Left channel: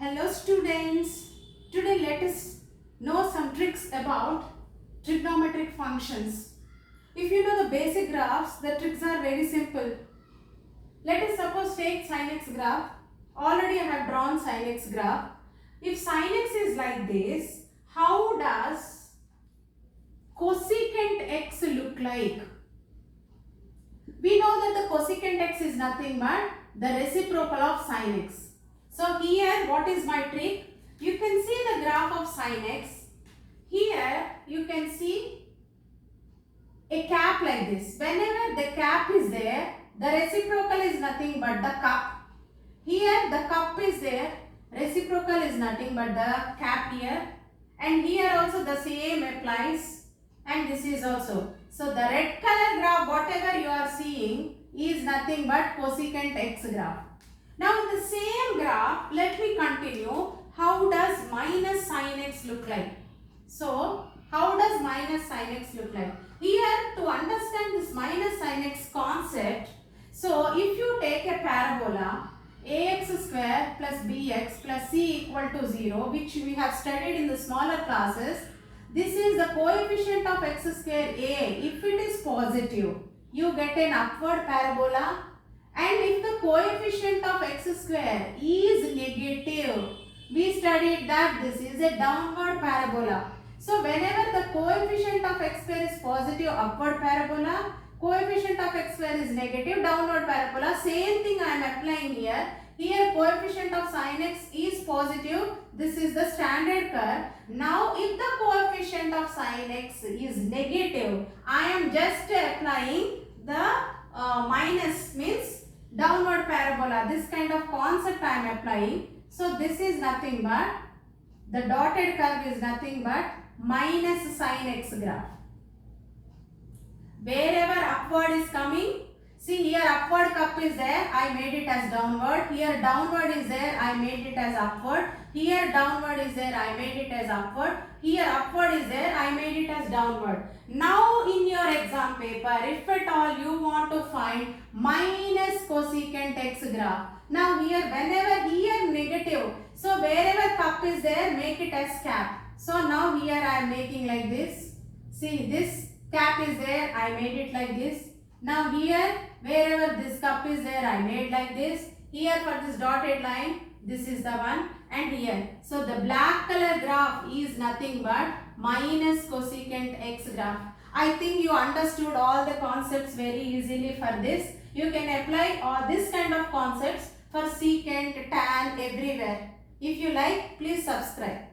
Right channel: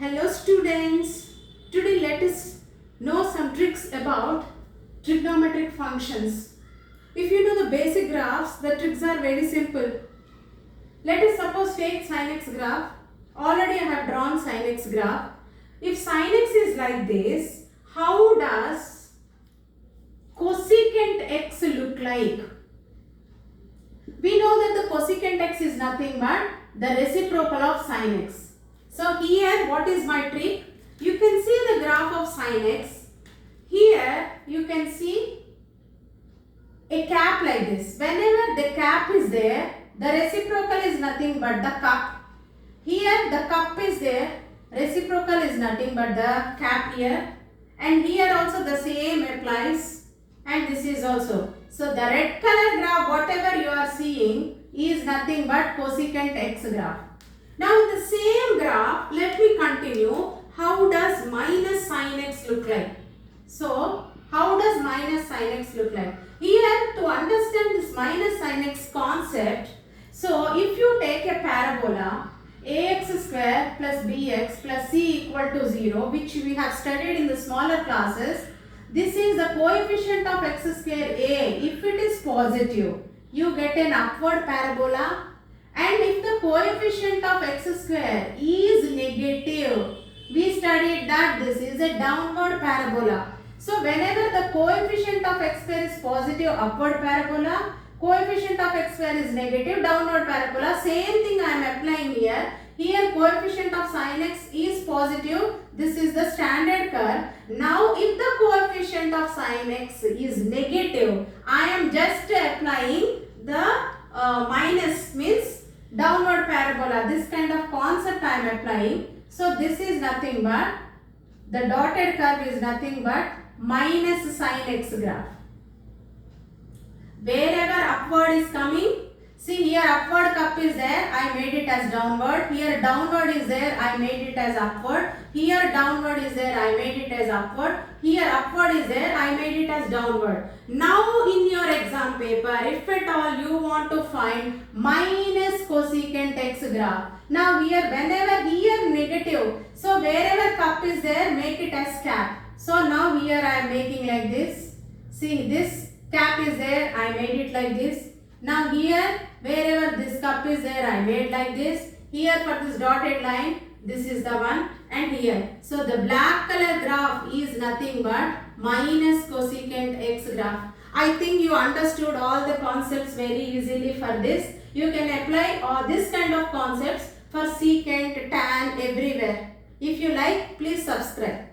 Hello students, today let us know some tricks about trigonometric functions. If you know the basic graphs, the tricks are very simple. Let us suppose take SinX graph. Already I have drawn SinX graph. If SinX is like this, how does cosecant x look like? We know that the cosecant x is nothing but the reciprocal of sin x. So here what is my trick? You can see the graph of sin x. Here you can see a cap like this. Whenever the cap is there, the reciprocal is nothing but the cup. Here the cup is there, reciprocal is nothing but the cap here. And here also the same applies, and this is also. So the red color graph, whatever you are seeing, is nothing but cosecant x graph. Now in the same graph, let me continue. How does minus sin x look like? So how does minus sin x look like? Here, to understand this minus sin x concept, so if you take a parabola ax square plus bx plus c equal to 0, which we have studied in the smaller classes, this is the coefficient of x square a. If it is positive, you get an upward parabola. And if the coefficient of x square is negative, we studied that this is a downward parabola. So whenever the coefficient of x square is positive, upward parabola, coefficient of x square is negative, downward parabola. Same thing I am applying here. Here coefficient of sin x is positive. This is the standard curve. Now if the coefficient of sin x is negative, I am just applying the minus, means downward parabola. This kind of concept I am applying. So this is nothing but, the dotted curve is nothing but minus sin x graph. Wherever upward is coming, see here upward cup is there, I made it as downward. Here downward is there, I made it as upward. Here downward is there, I made it as upward. Here upward is there, I made it as downward. Now in your exam paper, if at all you want to find minus cosecant x graph. Now here whenever here negative, so wherever cup is there, make it as cap. So now here I am making like this. See this cap is there, I made it like this. Now here wherever this cup is there, I made like this. Here for this dotted line, this is the one, and here. So the black color graph is nothing but minus cosecant x graph. I think you understood all the concepts very easily for this. You can apply all this kind of concepts for secant, tan, everywhere. If you like, please subscribe.